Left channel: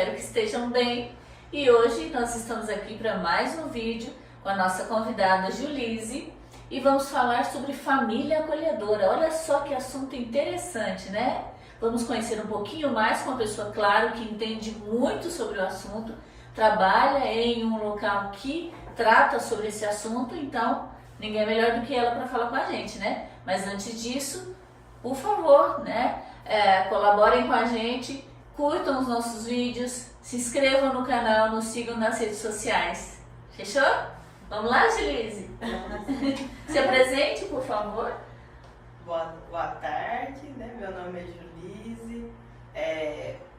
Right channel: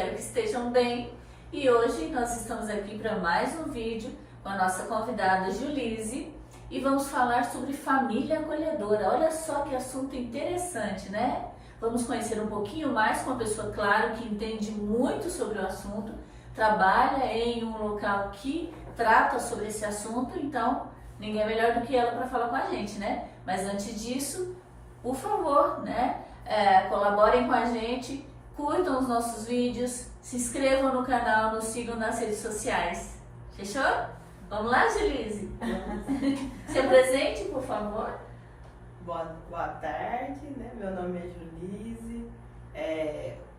espero que estejam bem. E hoje nós estamos aqui para mais um vídeo com a nossa convidada Julise e vamos falar sobre família acolhedora. Olha só que assunto interessante, né? Vamos conhecer um pouquinho mais com uma pessoa, claro, que entende muito sobre o assunto, trabalha em um local que trata sobre esse assunto, então ninguém é melhor do que ela para falar com a gente, né? Mas antes disso, por favor, né? Colaborem com a gente, curtam os nossos vídeos, se inscrevam no canal, nos sigam nas redes sociais. Fechou? Vamos lá, Julise? Se apresente, por favor. Boa tarde, né? Meu nome é Julise.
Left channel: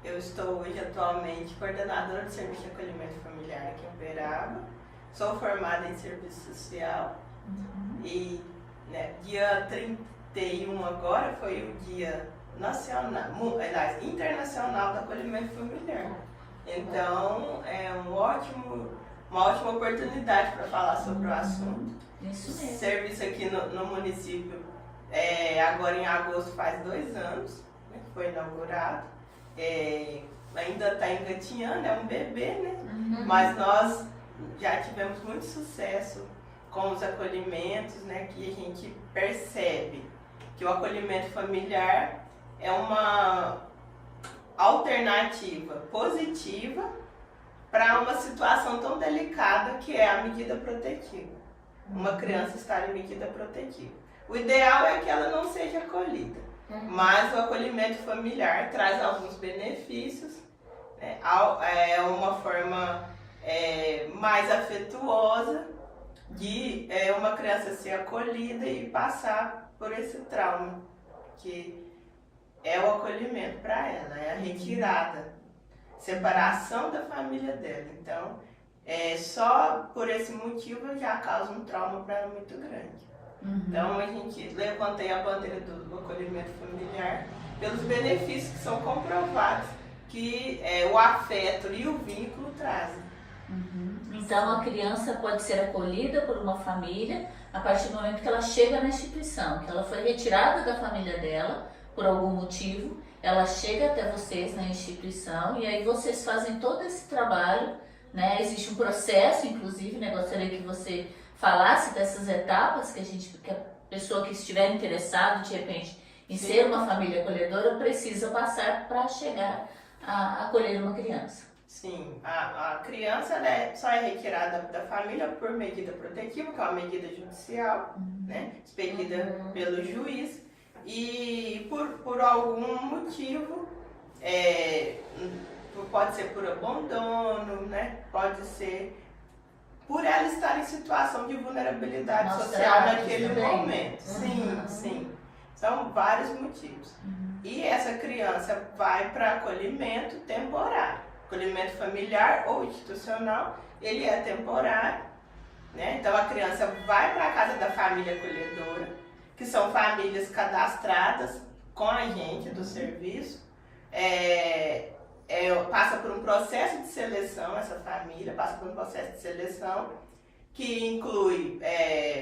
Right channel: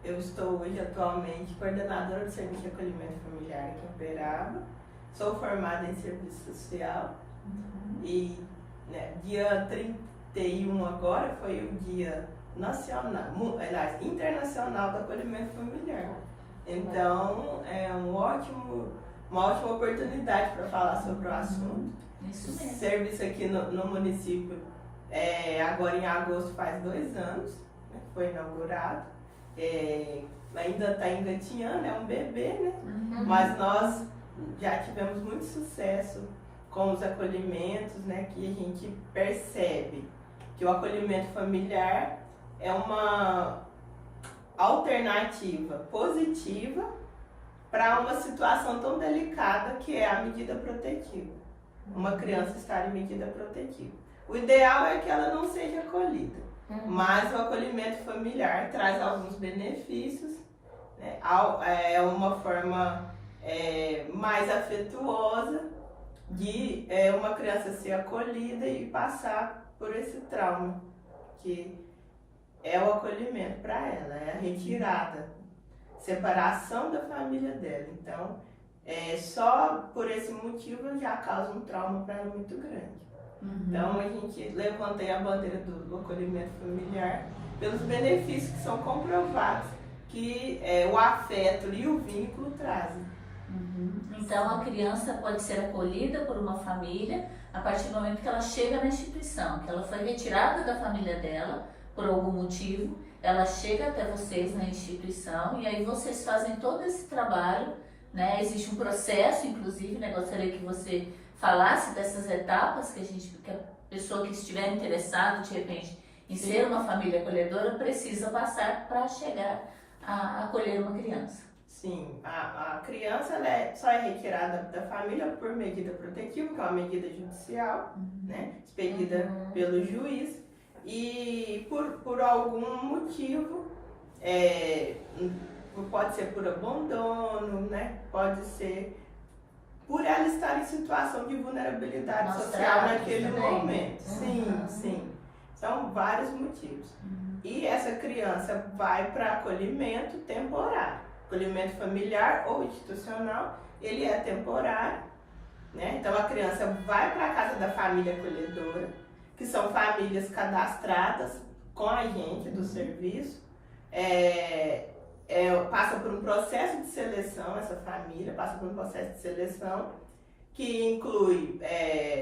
Eu estou hoje atualmente coordenadora de serviço de acolhimento familiar aqui em Uberaba. Sou formada em serviço social e né, dia 31 agora foi o dia internacional do acolhimento familiar. Então é uma ótima oportunidade para falar sobre o assunto. Isso mesmo. Serviço aqui no município agora em agosto faz 2 anos, né, foi inaugurado. Ainda está engatinhando, é um bebê, né? Mas nós já tivemos muito sucesso com os acolhimentos, né? Que a gente percebe que o acolhimento familiar é uma alternativa positiva para uma situação tão delicada que é a medida protetiva. Uma criança estar em medida protetiva. O ideal é que ela não seja acolhida, mas o acolhimento familiar traz alguns benefícios, né? É uma forma mais afetuosa de uma criança ser acolhida e passar por esse trauma, que é o acolhimento para ela, é a retirada, separação da família dela. Então, só por esse motivo já causa um trauma para ela muito grande. Então, a gente levantei a bandeira do acolhimento familiar pelos benefícios que são comprovados que o afeto e o vínculo trazem. Então, a criança pode ser acolhida por uma família a partir do momento que ela chega na instituição, que ela foi retirada da família dela por algum motivo, ela chega até vocês na instituição e aí vocês fazem todo esse trabalho, né? Existe um processo, inclusive, né? Gostaria que você falasse dessas etapas que a pessoa que estiver interessada, de repente, em ser uma família acolhedora, precisa passar para chegar a acolher uma criança. Sim, a criança só é retirada da família por medida protetiva, que é uma medida judicial, né? Expedida pelo juiz, e por algum motivo, pode ser por abandono, né? Pode ser por ela estar em situação de vulnerabilidade social naquele momento. Sim. São vários motivos. E essa criança vai para acolhimento temporário. Acolhimento familiar ou institucional, ele é temporário, né? Então a criança vai para a casa da família acolhedora, que são famílias cadastradas com a gente do serviço. Passa por um processo de seleção, essa família passa por um processo de seleção que inclui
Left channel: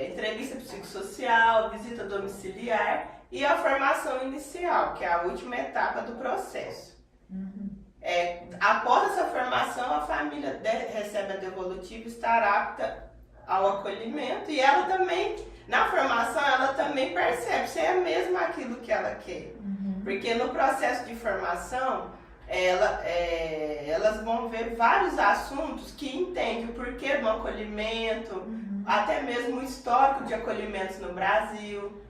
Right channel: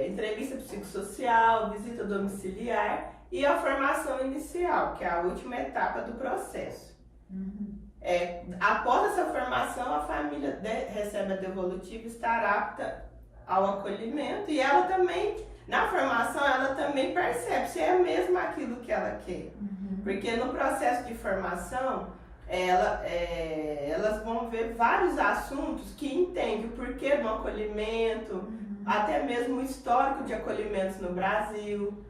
entrevista psicossocial, visita domiciliar e a formação inicial, que é a última etapa do processo. Após essa formação, a família recebe a devolutiva e está apta ao acolhimento, e ela também, na formação, ela também percebe se é mesmo aquilo que ela quer. Porque no processo de formação, elas vão ver vários assuntos que entendem o porquê do acolhimento, até mesmo o histórico de acolhimentos no Brasil,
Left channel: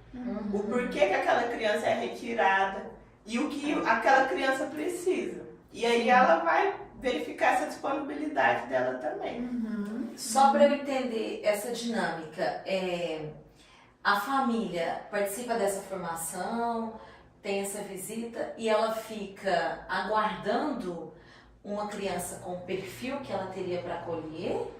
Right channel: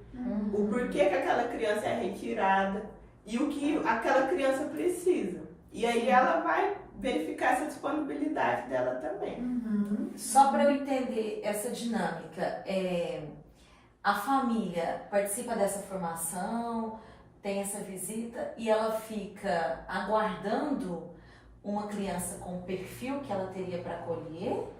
o porquê que aquela criança é retirada e o que aquela criança precisa. E aí ela vai verificar essa disponibilidade dela também. Só para eu entender essa dinâmica, a família participa dessa formação, tem essa visita e ela fica aguardando uma criança com o perfil que ela teria para acolher?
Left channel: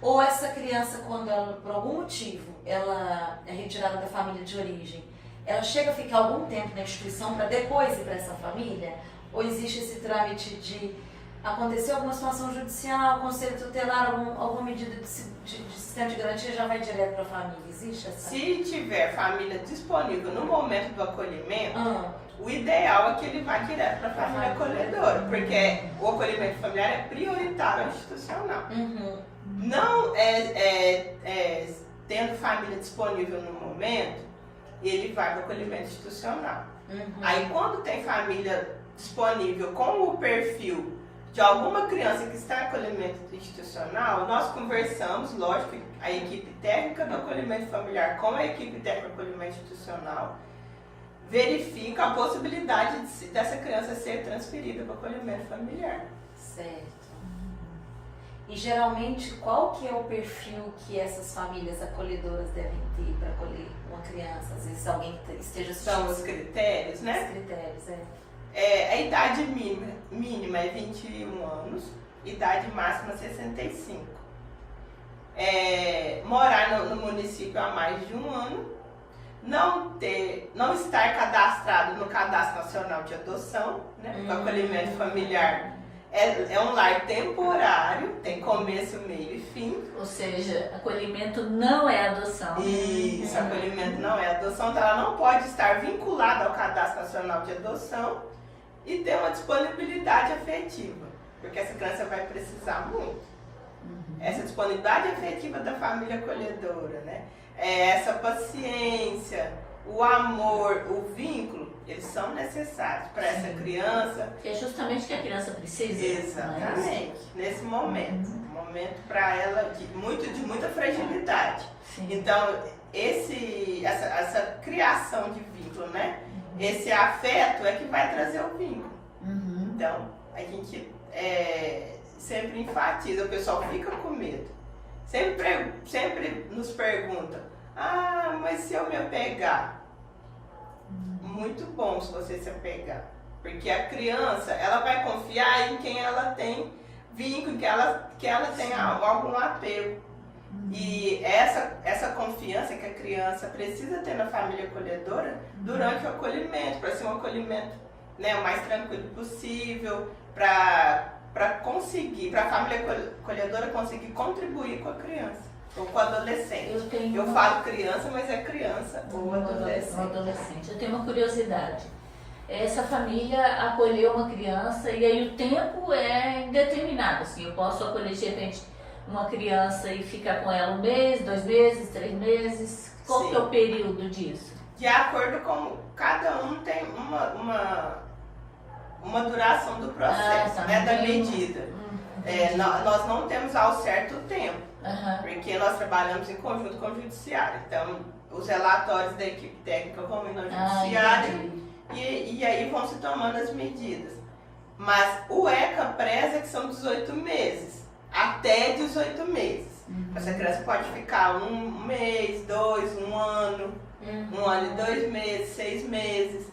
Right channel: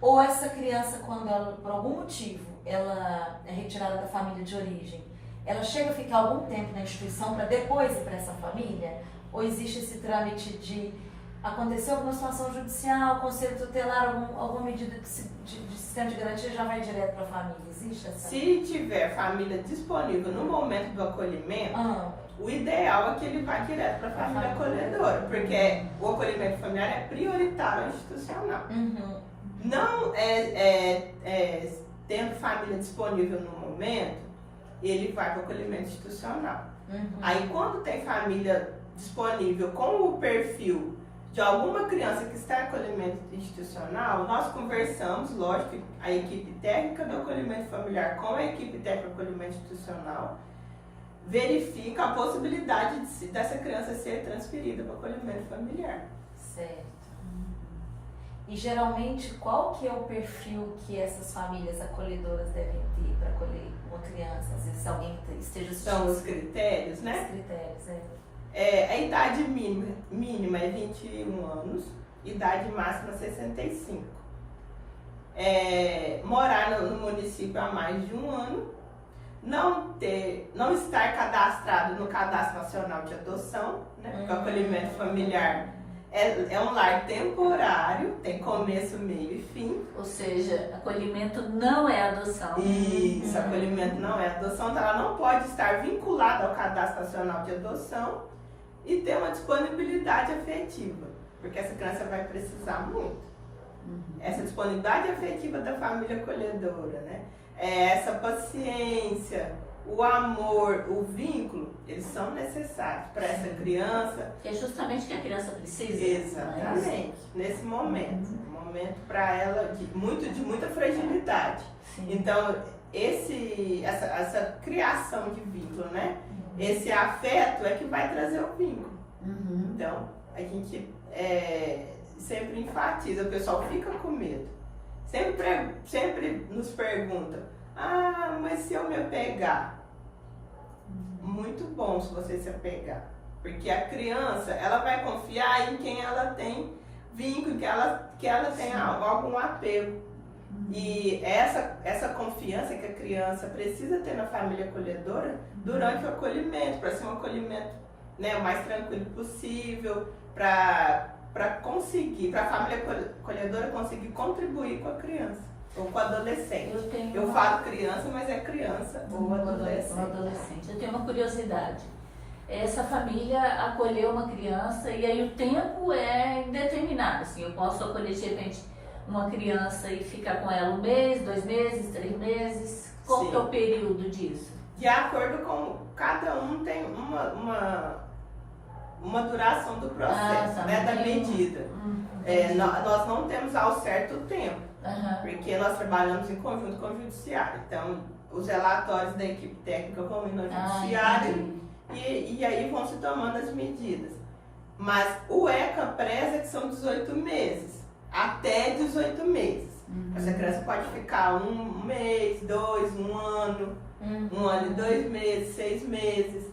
Ou essa criança, quando ela, por algum motivo, ela é retirada da família de origem, ela chega a ficar algum tempo na instituição para depois ir para essa família? Ou existe esse trâmite de aconteceu alguma situação judicial, conselho tutelar, alguma medida de sistema de garantia já vai direto para a família? Existe essa? Se tiver família disponível no momento do acolhimento, o ideal é que ele vá direto para a família acolhedora, porque o acolhimento familiar é prioritário institucional. Não tendo família disponível no momento, ele vai para o acolhimento institucional. Aí quando tem família disponível com o perfil de alguma criança que está em acolhimento institucional, nós conversamos, lógico, a equipe técnica do acolhimento familiar com a equipe técnica do acolhimento institucional, verifica a possibilidade dessa criança ser transferida para o acolhimento familiar. Certo. E geralmente, qual que é o perfil que essas famílias acolhedoras devem ter para acolher uma criança? Às vezes alguém que esteja assistindo. São os critérios, né? Os critérios, a idade mínima é 21 anos, idade máxima 65. Morar no município há mais de um ano, não estar cadastrado no Cadastro Nacional de Adoção, né? Porque o acolhimento familiar é um lar temporário, tem começo, meio e fim. Ou seja, acolhimento não é adoção. Isso, acolhimento não é adoção, então ela não pode estar vinculada ao Cadastro Nacional de Adoção e ter uma disponibilidade afetiva, porque essa criança vai precisar muito. Essa disponibilidade afetiva da família acolhedora, né? Essa paciência, o amor, o vínculo, eles são necessários para essa criança. Que é justamente o que a criança precisa. Exatamente, nesse momento. Um momento para ela de muita fragilidade. Sim. Então, essa criação de vínculo, né? Esse afeto é que vai trazer o vínculo. Então, a gente sempre enfatiza, o pessoal fica com medo. Sempre nos pergunta, mas se eu me apegar? Muito bom se você se apegar. Porque a criança, ela vai confiar em quem ela tem vínculo, que ela tem algum apego. E essa confiança que a criança precisa ter na família acolhedora durante o acolhimento, para ser um acolhimento, né, o mais tranquilo possível, para a família acolhedora conseguir contribuir com a criança ou com o adolescente. Eu falo criança, mas é criança ou adolescente. Eu tenho uma curiosidade. Essa família acolheu uma criança e aí o tempo é indeterminado. Assim, eu posso acolher de repente uma criança e ficar com ela 1 mês, 2 meses, 3 meses? Qual que é o período disso? De acordo com cada um tem uma duração do processo, né, da medida. Nós não temos ao certo o tempo, porque nós trabalhamos em conjunto com o judiciário. Então, os relatórios da equipe técnica combinam o judiciário e aí vão se tomando as medidas. Mas o ECA preza que são 18 meses. Até 18 meses. Essa criança pode ficar 1 mês, 2, 1 ano, 1 ano e 2 meses, 6 meses.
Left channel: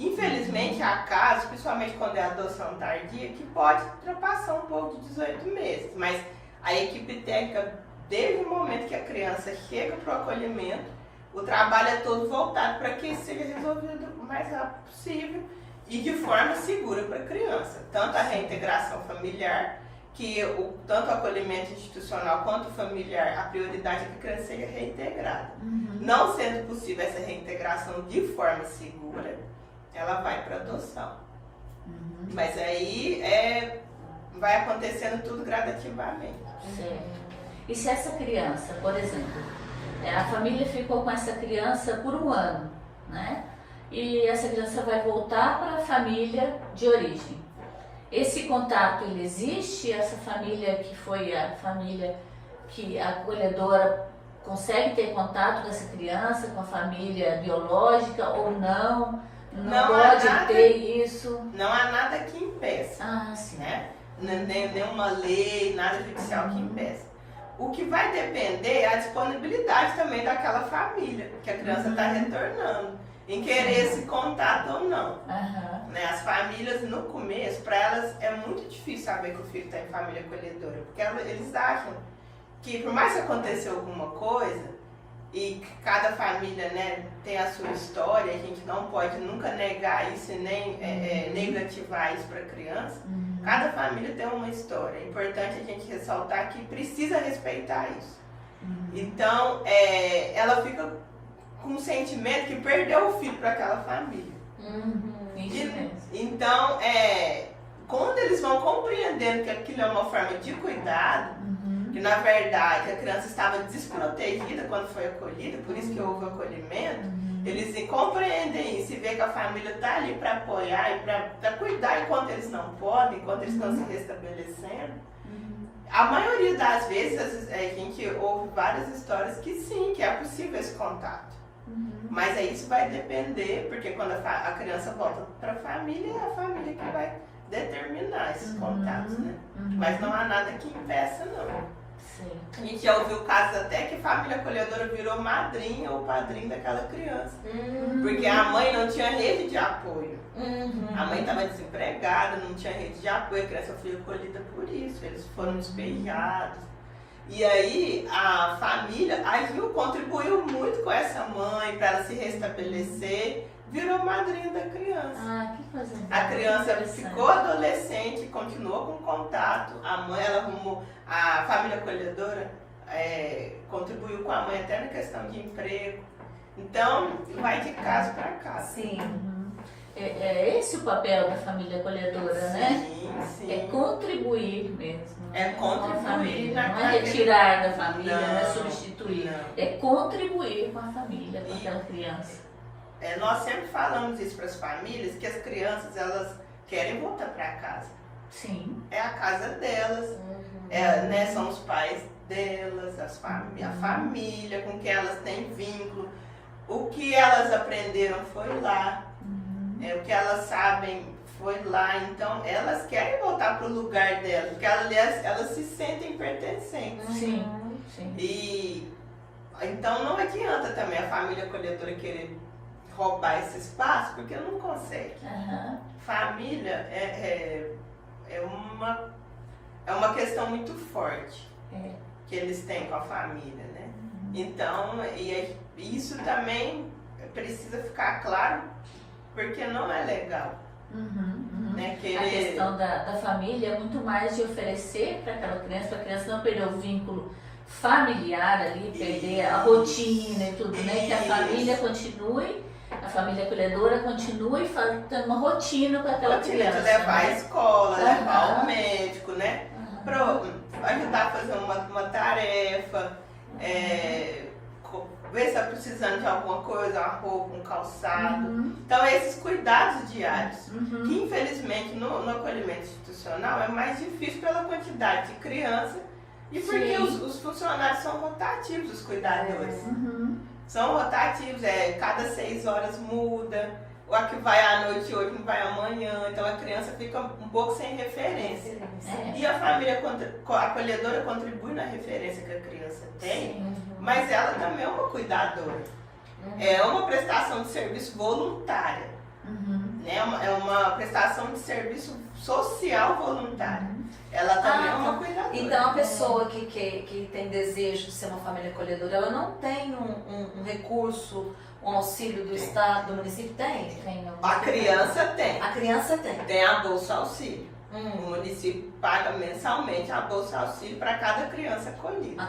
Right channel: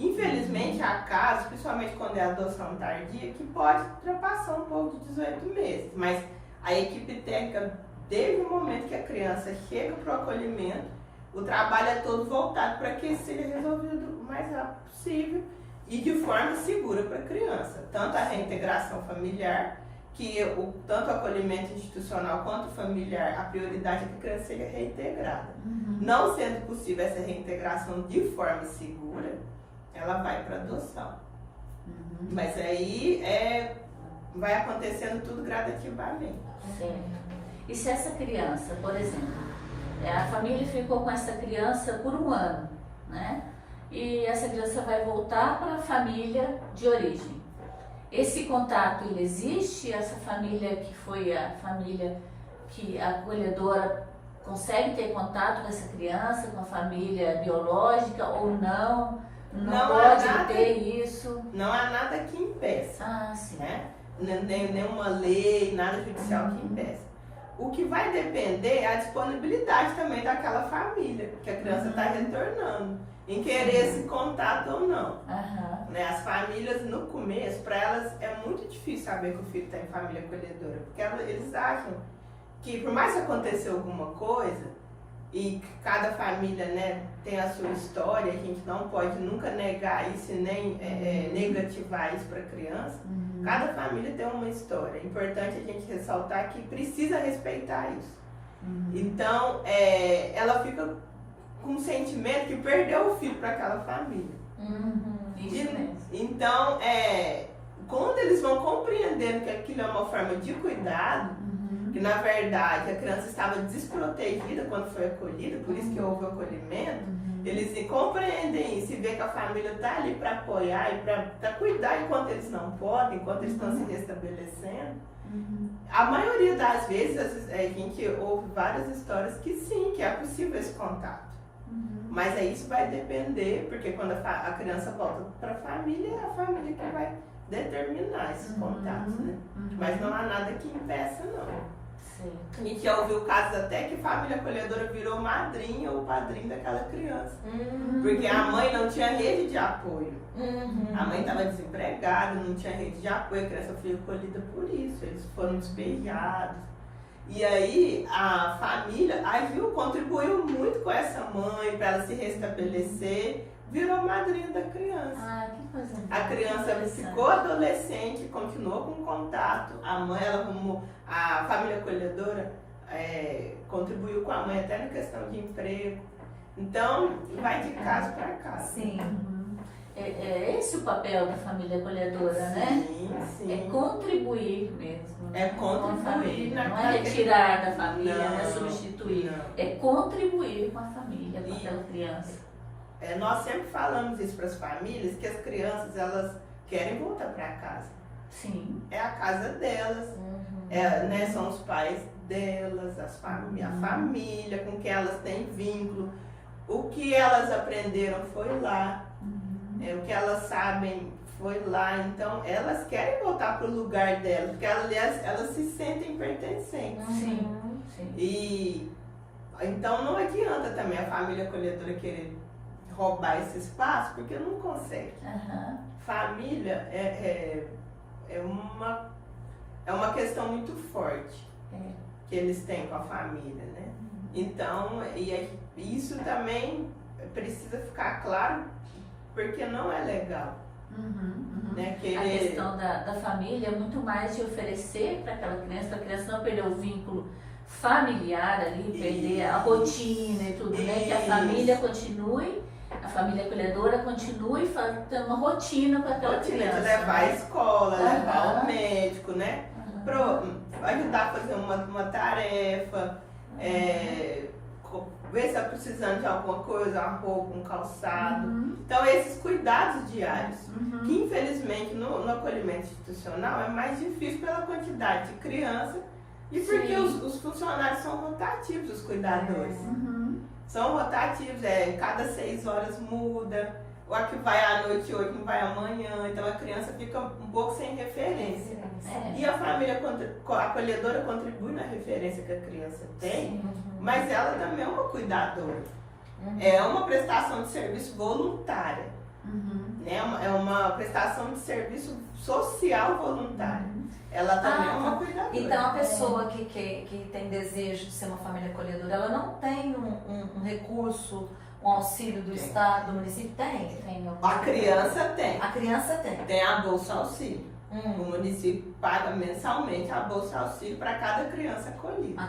Infelizmente, há casos, principalmente quando é adoção tardia, que pode ultrapassar um pouco de 18 meses. Mas a equipe técnica, desde o momento que a criança chega para o acolhimento, o trabalho é todo voltado para que isso seja resolvido o mais rápido possível e de forma segura para a criança. Tanto a reintegração familiar, que tanto o acolhimento institucional quanto o familiar, a prioridade é que a criança seja reintegrada. Não sendo possível essa reintegração de forma segura, ela vai para adoção. Mas aí vai acontecendo tudo gradativamente. E se essa criança, por exemplo, a família ficou com essa criança por 1 ano, né? E essa criança vai voltar para a família de origem. Esse contato, ele existe? Essa família que foi a família que a acolhedora consegue ter contato com essa criança, com a família biológica ou não? Não pode ter isso? Não há nada que impeça. Sim. Né? Nenhuma lei, nada judicial que impeça. O que vai depender é a disponibilidade também daquela família que a criança está retornando, em querer esse contato ou não. Né? As famílias, no começo, para elas é muito difícil saber que o filho está em família acolhedora, porque eles acham que, por mais que aconteça alguma coisa, e cada família, né, tem a sua história, a gente não pode nunca negar isso e nem negativar isso para a criança. Cada família tem uma história. É importante a gente ressaltar que precisa respeitar isso. Então, ela fica com um sentimento que perdeu o filho para aquela família. Isso mesmo. Então, quando eles vão compreendendo que aquilo é uma forma de cuidado, que na verdade a criança estava desprotegida quando foi acolhida, por isso que houve acolhimento, eles compreendem isso e vê que a família está ali para apoiar e para cuidar enquanto eles não podem, enquanto eles estão se restabelecendo. A maioria das vezes a gente ouve várias histórias que sim, que é possível esse contato. Mas isso vai depender, porque quando a criança volta para a família, é a família que vai determinar esses contatos, né? Mas não há nada que impeça, não. Sim. A gente já ouviu casos até que a família acolhedora virou madrinha ou padrinho daquela criança. Porque a mãe não tinha rede de apoio. A mãe estava desempregada, não tinha rede de apoio, a criança foi acolhida por isso. Eles foram despejados. E aí a família agiu, contribuiu muito com essa mãe para ela se restabelecer, virou madrinha da criança. Ah, que coisa A criança interessante. ficou adolescente, continuou com contato, a mãe, ela arrumou, a família acolhedora contribuiu com a mãe até na questão de emprego. Então, vai de casa para casa. Sim. É esse o papel da família acolhedora, né? Sim, sim. É contribuir mesmo. É contribuir com a família. na Não é carreira. retirar da família, não é Não, substituir. não. É contribuir com a família, com aquela criança. Nós sempre falamos isso para as famílias, que as crianças, elas querem voltar para casa. Sim. É a casa delas, né, são os pais delas, a família com quem elas têm vínculo. O que elas aprenderam foi lá, o que elas sabem foi lá. Então, elas querem voltar para o lugar delas, porque elas se sentem pertencentes. Sim. Sim. E então não adianta também a família acolhedora querer roubar esse espaço, porque não consegue. Família é uma questão muito forte que eles têm com a família, né? Então, isso também precisa ficar claro, porque não é legal. Né? A questão da família é muito mais de oferecer para aquela criança, para a criança não perder o vínculo familiar ali, perder a rotina e tudo, né? Que a família continue, a família acolhedora continue tendo uma rotina com aquela criança. De levar à escola, Aham. levar ao médico, né? Ajudar a fazer uma tarefa, ver se está precisando de alguma coisa, uma roupa, um calçado. Então, esses cuidados diários, que infelizmente no acolhimento institucional é mais difícil pela quantidade de criança e porque Sim. os funcionários são rotativos, os cuidadores. São rotativos, cada 6 horas muda, o que vai à noite hoje não vai amanhã, então a criança fica um pouco sem referência. E a família acolhedora contribui na referência que a criança tem, mas ela também é uma cuidadora. É uma prestação de serviço voluntária. Né? É uma prestação de serviço social voluntária. Ela também é uma cuidadora. Então a pessoa que tem desejo de ser uma família acolhedora, ela não tem um recurso, um auxílio do Estado, do município? Tem? A criança tem. A criança tem. Tem a Bolsa Auxílio. O município paga mensalmente a Bolsa Auxílio para cada criança acolhida.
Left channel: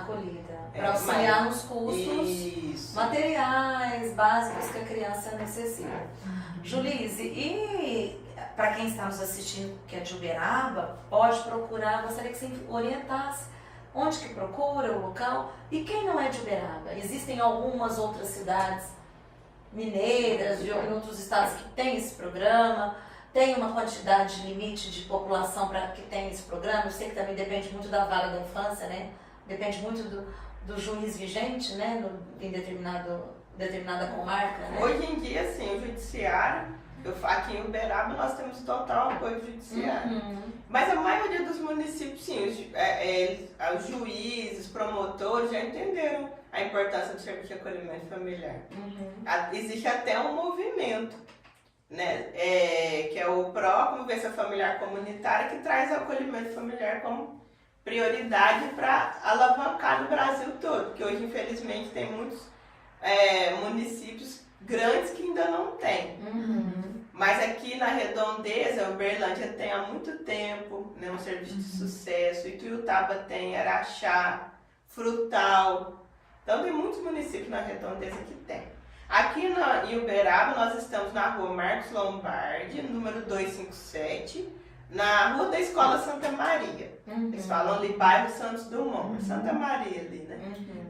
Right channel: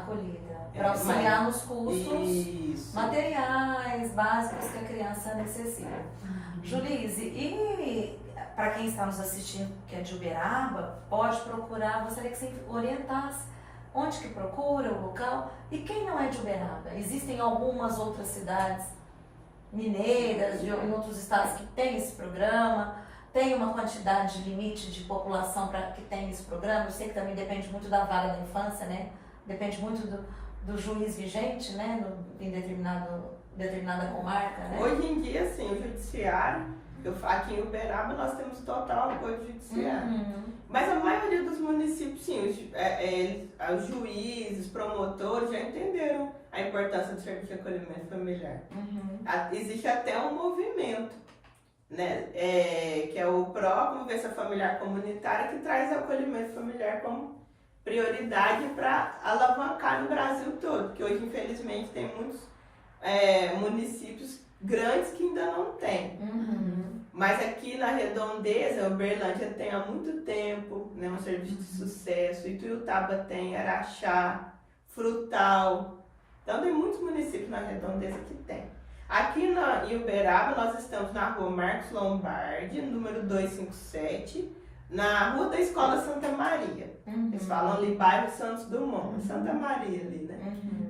Para auxiliar nos custos Isso. materiais básicos que a criança necessita. Julise, e para quem está nos assistindo que é de Uberaba, pode procurar, gostaria que você orientasse onde que procura, o local, e quem não é de Uberaba? Existem algumas outras cidades mineiras, em outros estados que tem esse programa, tem uma quantidade limite de população para que tem esse programa. Eu sei que também depende muito da vara da infância, né? Depende muito do juiz vigente, né? Em determinada comarca, né? Hoje em dia, sim, o judiciário, aqui em Uberaba nós temos total apoio judiciário. Mas a maioria dos municípios, sim, os juízes, promotores já entenderam a importância do serviço de acolhimento familiar. Existe até um movimento, né, que é o PRO, Convivência Familiar Comunitária, que traz o acolhimento familiar como prioridade para alavancar no Brasil todo, porque hoje, infelizmente, tem muitos municípios grandes que ainda não tem. Mas aqui na Redondeza, Uberlândia tem há muito tempo, né, um serviço de sucesso, Ituiutaba tem, Araxá, Frutal. Então tem muitos municípios na Redondeza que tem. Aqui em Uberaba nós estamos na rua Marcos Lombardi, número 257, na rua da Escola Santa Maria. Eles falam ali bairro Santos Dumont, Santa Maria ali, né?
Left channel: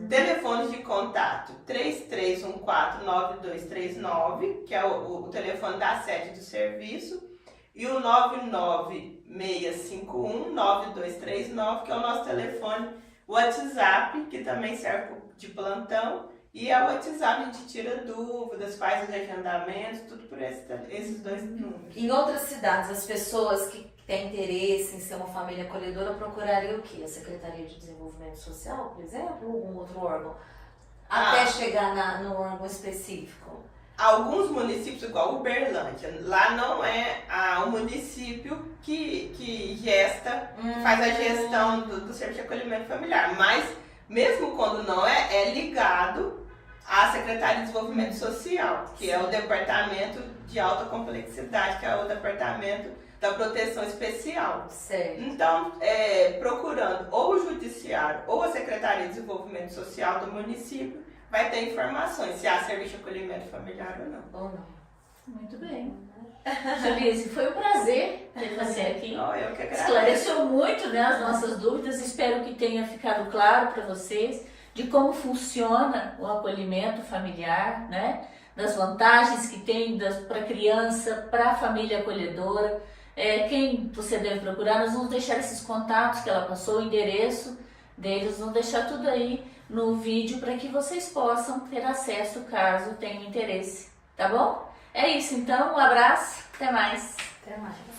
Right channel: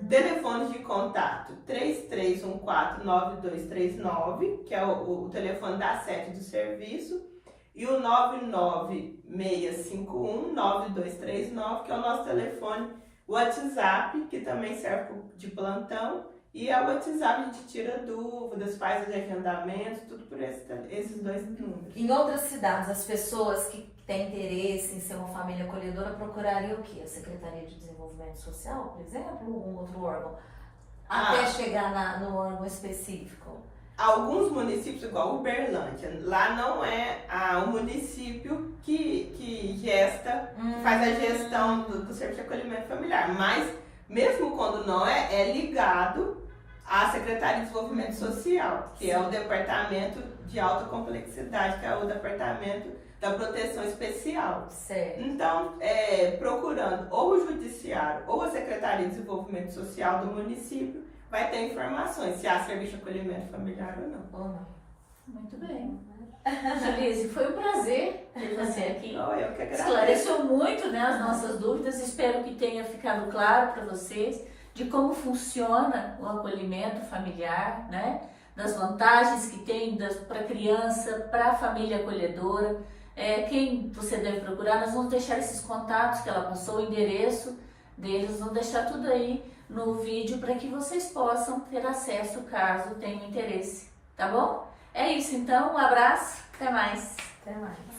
Telefones de contato 33149239, que é o telefone da sede do serviço, e o 996519239, que é o nosso telefone WhatsApp, que também serve de plantão, e é o WhatsApp a gente tira dúvidas, faz os agendamentos, tudo por esses dois números. Em outras cidades, as pessoas que têm interesse em ser uma família acolhedora procurariam o quê? A Secretaria de Desenvolvimento Social, por exemplo, ou algum outro órgão? Até chegar no órgão específico? Alguns municípios, igual Uberlândia, lá não é o município que gesta, que faz a gestão do serviço de acolhimento familiar, mas mesmo quando não é ligado à Secretaria de Desenvolvimento Social, que é o Departamento de Alta Complexidade, que é o Departamento da Proteção Especial. Certo. Então, procurando ou o Judiciário ou a Secretaria de Desenvolvimento Social do município, vai ter informações se há serviço de acolhimento familiar ou não. Ou não. Muito bem. Julise, foi um prazer ter você aqui. Eu que agradeço. Esclareceu muito, né, as nossas dúvidas. Espero que tenha ficado claro para vocês de como funciona o acolhimento familiar, né? Das vantagens que tem para a criança, para a família acolhedora. Quem você deve procurar, nós vamos deixar esses contatos que ela passou, o endereço deles, vamos deixar tudo aí no vídeo para que vocês possam ter acesso caso tenham interesse, tá bom? É isso então, um abraço, até mais. Até mais.